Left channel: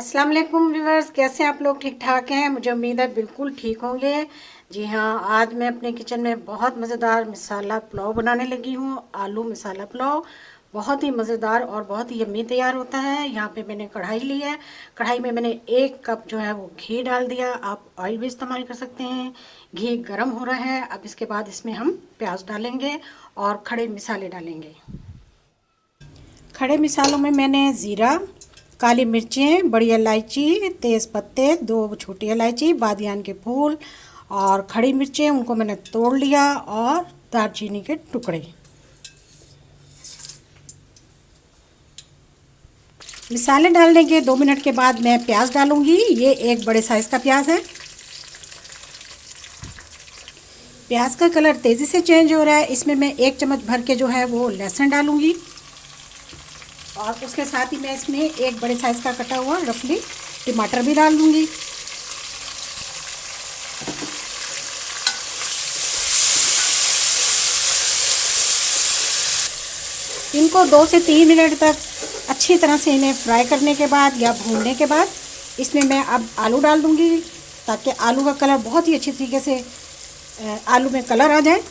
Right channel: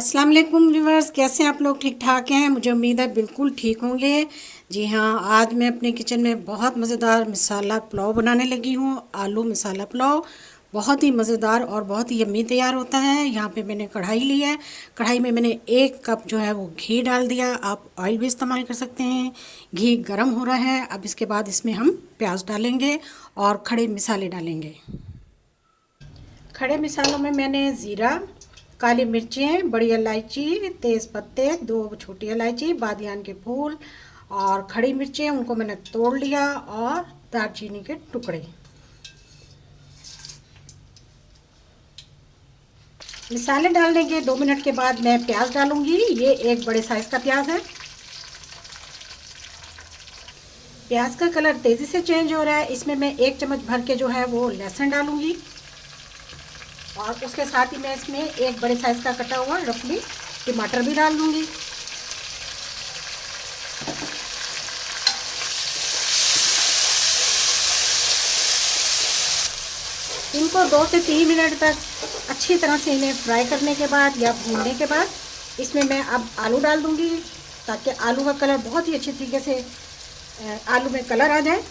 अस्सलाम वालेकुम व्यूअर्स, कैसे हैं आप लोग? ठीक ठाक हैं? मुझे उम्मीद है बिल्कुल ठीक होंगे। जी हाँ, आज मैं अपने किचन में बहुत मज़ेदार मसाला पुलाव बनाने लगी हूँ। आलू मसाला पुलाव बहुत ही मज़ेदार और बहुत ही यम्मी तैयार होता है। यहाँ पे मैंने कढ़ाई ली है। कढ़ाई में मैंने 1 कप जो है वो घी डाल दिया। आप ऑयल भी इस्तेमाल कर सकते हैं। घी गर्म हो रहा है। अब इसके बाद इसमें हम प्याज डालेंगे और खड़े मसाले डालेंगे। खड़े मसालों में मैंने ज़ीरा, काली मिर्चें, बड़ी इलायची, तेज़ पत्ते, 2 छोटी इलायची, बादियान के फूल और खड़ी मिर्चें उनको मैंने तोड़ लिया और दालचीनी के टुकड़े। मसाले डालने के 2 मिनट के बाद मैं प्याज डालूंगी। ये एक बड़े साइज़ का प्याज है। प्याज का कलर तेज़ी से चेंज हो रहा है। इसमें मैं 1 चम्मच भर के जो है वो लहसुन डालूंगी और उसके साथ ही मैं इसमें एक बड़े साइज़ का कटा हुआ रफली टमाटर भी डाल दूंगी। इनको 2 से 3 मिनट तक अच्छी तरह से इन्हें फ्राई करने के बाद या भूनने के बाद इसमें मैं अब आलू डाल दूंगी, ताकि आलू का कलर बहुत ही अच्छी तरीके से आलू में कलर आ जाए।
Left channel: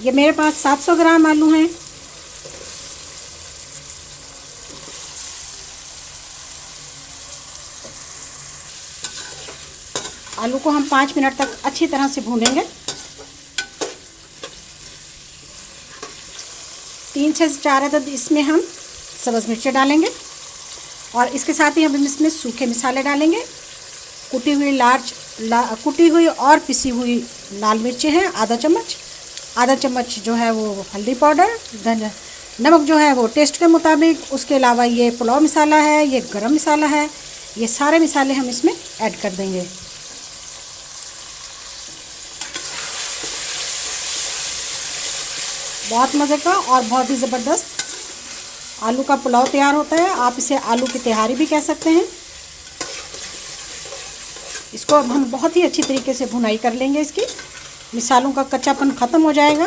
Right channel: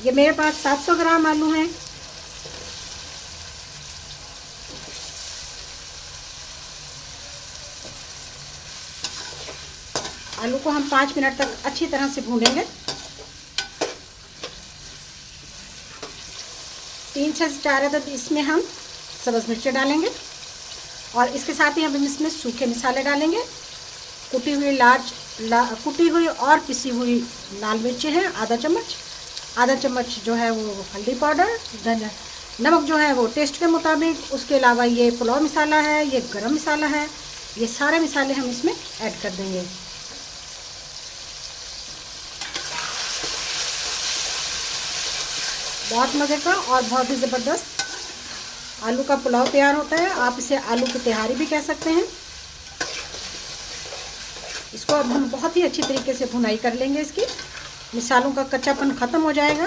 ये मेरे पास 700 ग्राम आलू हैं। आलू को हम 5 मिनट तक अच्छी तरह से भूनेंगे। 3 से 4 अदद इसमें हम सब्ज़ मिर्चें डालेंगे और इसके साथ ही हम इसमें सूखे मसाले डालेंगे। कुटी हुई और पिसी हुई लाल मिर्चें हैं आधा चम्मच जो है वो हल्दी पाउडर, नमक जो है वो टेस्ट के मुताबिक। उसके अलावा ये पुलाव मसाला है, ये गरम मसाला है। ये सारे मसाले हम इसमें ऐड कर देंगे। बहुत मज़े का और बहुत ही ज़बरदस्त आलू का पुलाव तैयार होता है। आप इसे आलू की तिहारी भी कह सकते हैं। इसको अब हम बहुत ही अच्छी तरीके से भुनाई कर लेंगे। इसकी मसालों का कच्चापन ख़त्म हो जाएगा।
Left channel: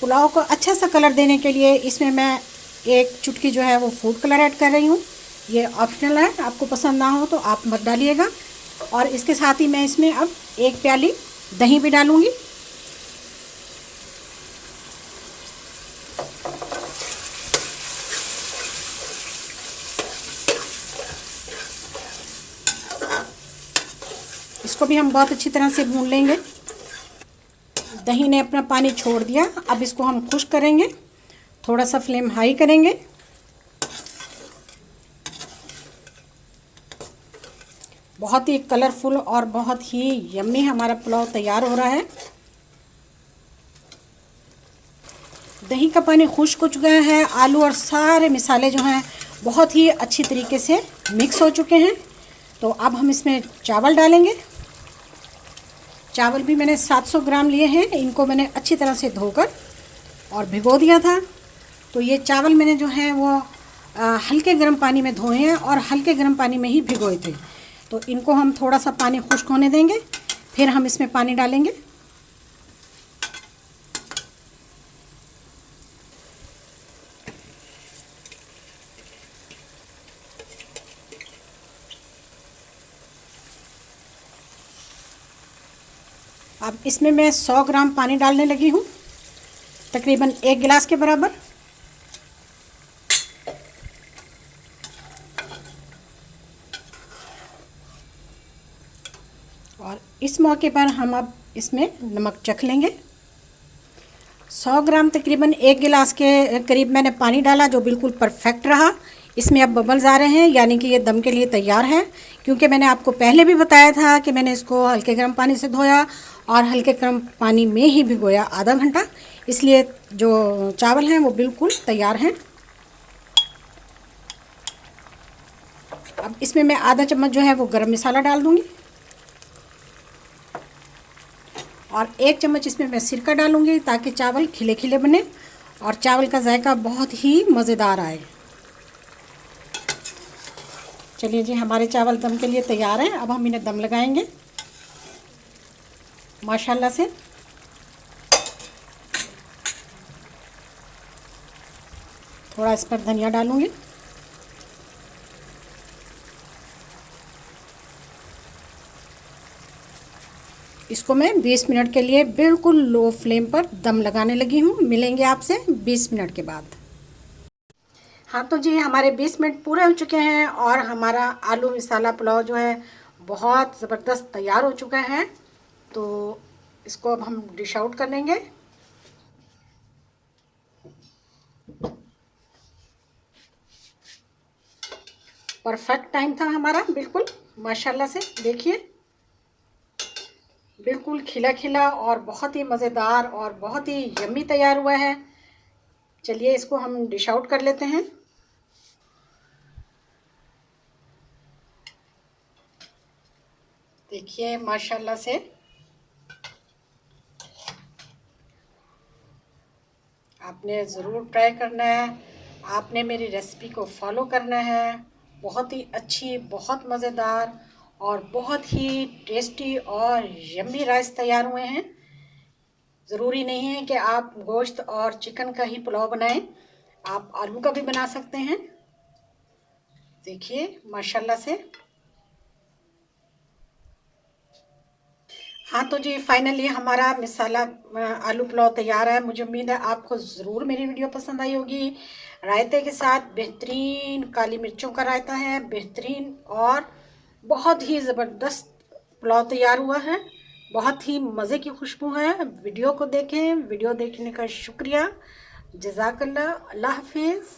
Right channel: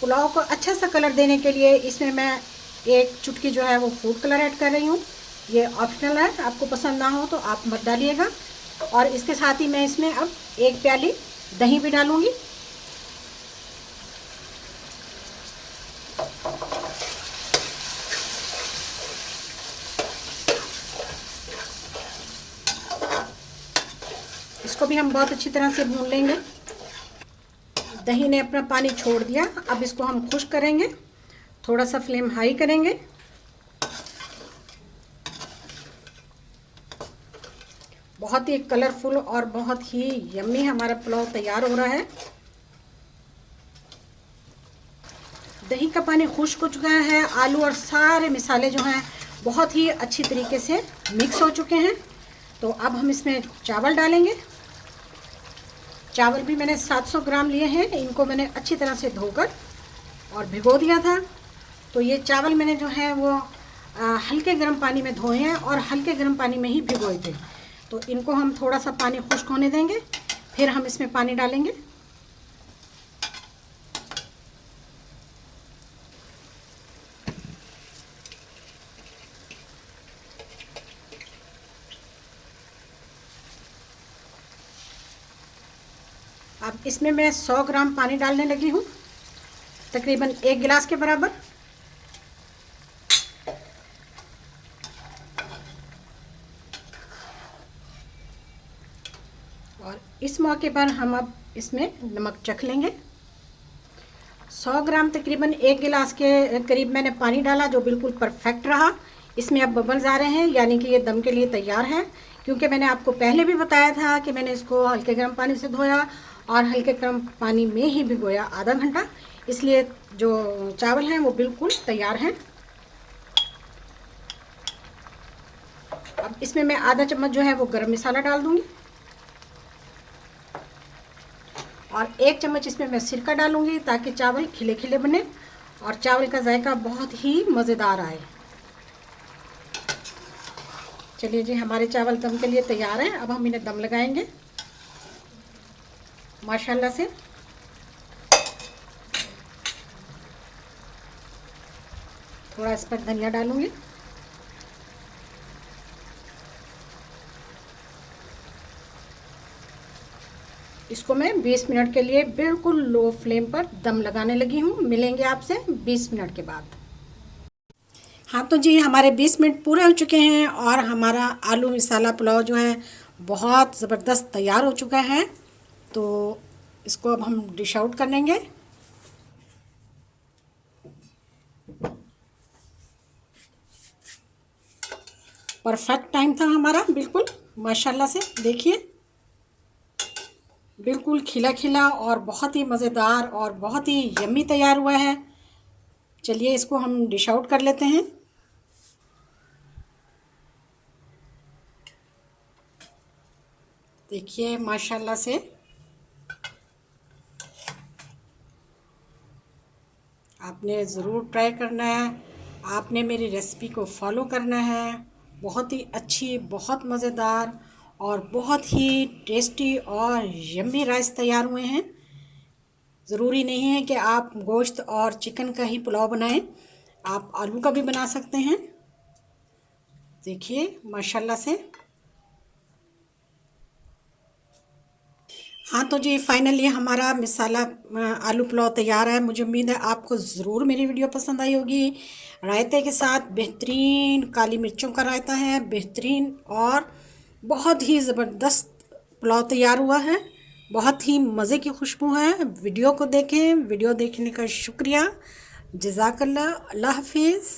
पुलाव को अच्छा सा कलर देने के लिए इसमें मैं 1 चुटकी जो है वो फूड कलर ऐड कर रही हूँ। ये ऑप्शनल है, आपको पसंद ना हो तो आप मत डालिएगा। और इसके साथ ही मैं इसमें अब 1 प्याली दही भी डालूँगी। इसको भी हम बहुत अच्छी तरह से भून लेंगे। दही ने अपना पानी छोड़ दिया। अब इसको हम खुश्क करेंगे। थोड़ा सा फ्लेम हाई करेंगे। बहुत ही कलरफुल और बहुत ही यम्मी हमारा पुलाव तैयार हो रहा है। दही का पानी खुश्क हो चुका है। आलू और सारे मसाले जो हैं बहुत ही अच्छी तरीके से मिक्स हो चुके हैं। तो अब हम इसमें चावल डालेंगे। चावल भी मैंने 700 ग्राम लिए हैं। इनको मैंने अच्छी तरह से धोकर और भिगो दिया था। तो ये चावल मैंने जो है वो हल्के गर्म पानी में धोए हैं और हल्के गर्म पानी में ही भिगोए थे। तो इनको हम थोड़ा सा पानी खुश्क होने देंगे, फिर हम इसमें पानी डालेंगे। अब इसमें मैं 100 ग्राम पानी डालने लगी हूँ, तकरीबन 1 गिलास के बराबर। और इस मौके पर हम अब इसमें नमक चख लेंगे। 100 ग्राम तकरीबन 1 गिलास के करीब मैंने पानी डाला, जो बिल्कुल परफेक्ट रहा। इसमें अब बबल्स आ रहे हैं, यानी कि ये दम के लिए तैयार है। क्योंकि मैंने आपको पहले भी बताया था कि मैंने इसको हल्के गर्म पानी से धोया और हल्के गर्म पानी में ही भिगोया आधा घंटा, इसलिए जो चावल हैं वो बिल्कुल तैयार हैं। अब इसमें मैं आधा चम्मच जो है वो गरम मसाला डाल दूँगी और 1 चम्मच इसमें मैं सिरका डालूँगी, ताकि चावल खिले खिले बने और चावल का जायका बहुत ही मज़ेदार आए। चलिए जी, हमारे चावल दम के लिए तैयार हैं। अब हम इन्हें दम लगाएंगे माशाल्लाह से। थोड़ा इस पर धनिया डालूँगी। इसको मैं 20 मिनट के लिए बिल्कुल लो फ्लेम पर दम लगाने लगी हूँ। मिलेंगे आपसे 20 मिनट के बाद। हाँ तो जी, हमारे 20 मिनट पूरे हो चुके हैं और हमारा आलू मसाला पुलाव जो है बहुत ज़बरदस्त तैयार हो चुका है। तो इसको अब हम डिश आउट कर लेंगे। परफेक्ट टाइम था हमारा, बिल्कुल माशाल्लाह से। देखिए बिल्कुल खिला खिला और बहुत ही मज़ेदार और बहुत ही यम्मी तैयार हुआ है। चलिए इसको हम डिश आउट कर लेते हैं। देखिए माशाल्लाह से आपने ज़रूर ट्राई करना है। आपने मेरी रेसिपी को फॉलो करना है। बहुत ही अच्छी, बहुत मज़ेदार और बहुत ही टेस्टी और यम्मी राइस तैयार हुए हैं। ज़रूरी नहीं है कि आप गोश्त और चिकन का ही पुलाव बनाएं, आप आलू का भी बना सकते हैं। देखिए माशाल्लाह से। हाँ तो जी, फाइनली हमारा मसाला आलू पुलाव तैयार है। मुझे उम्मीद है आपको ज़रूर मेरी वीडियो पसंद आई होगी। रायते के साथ बेहतरीन काली मिर्चों का रायता है, बेहतरीन और बहुत ही ज़बरदस्त पुलाव तैयार हुआ है। बहुत ही मज़े की खुशबू है। वीडियो को देखें। वीडियो देखने का शुक्रिया। जज़ाकल्लाह। अल्लाह हाफिज़।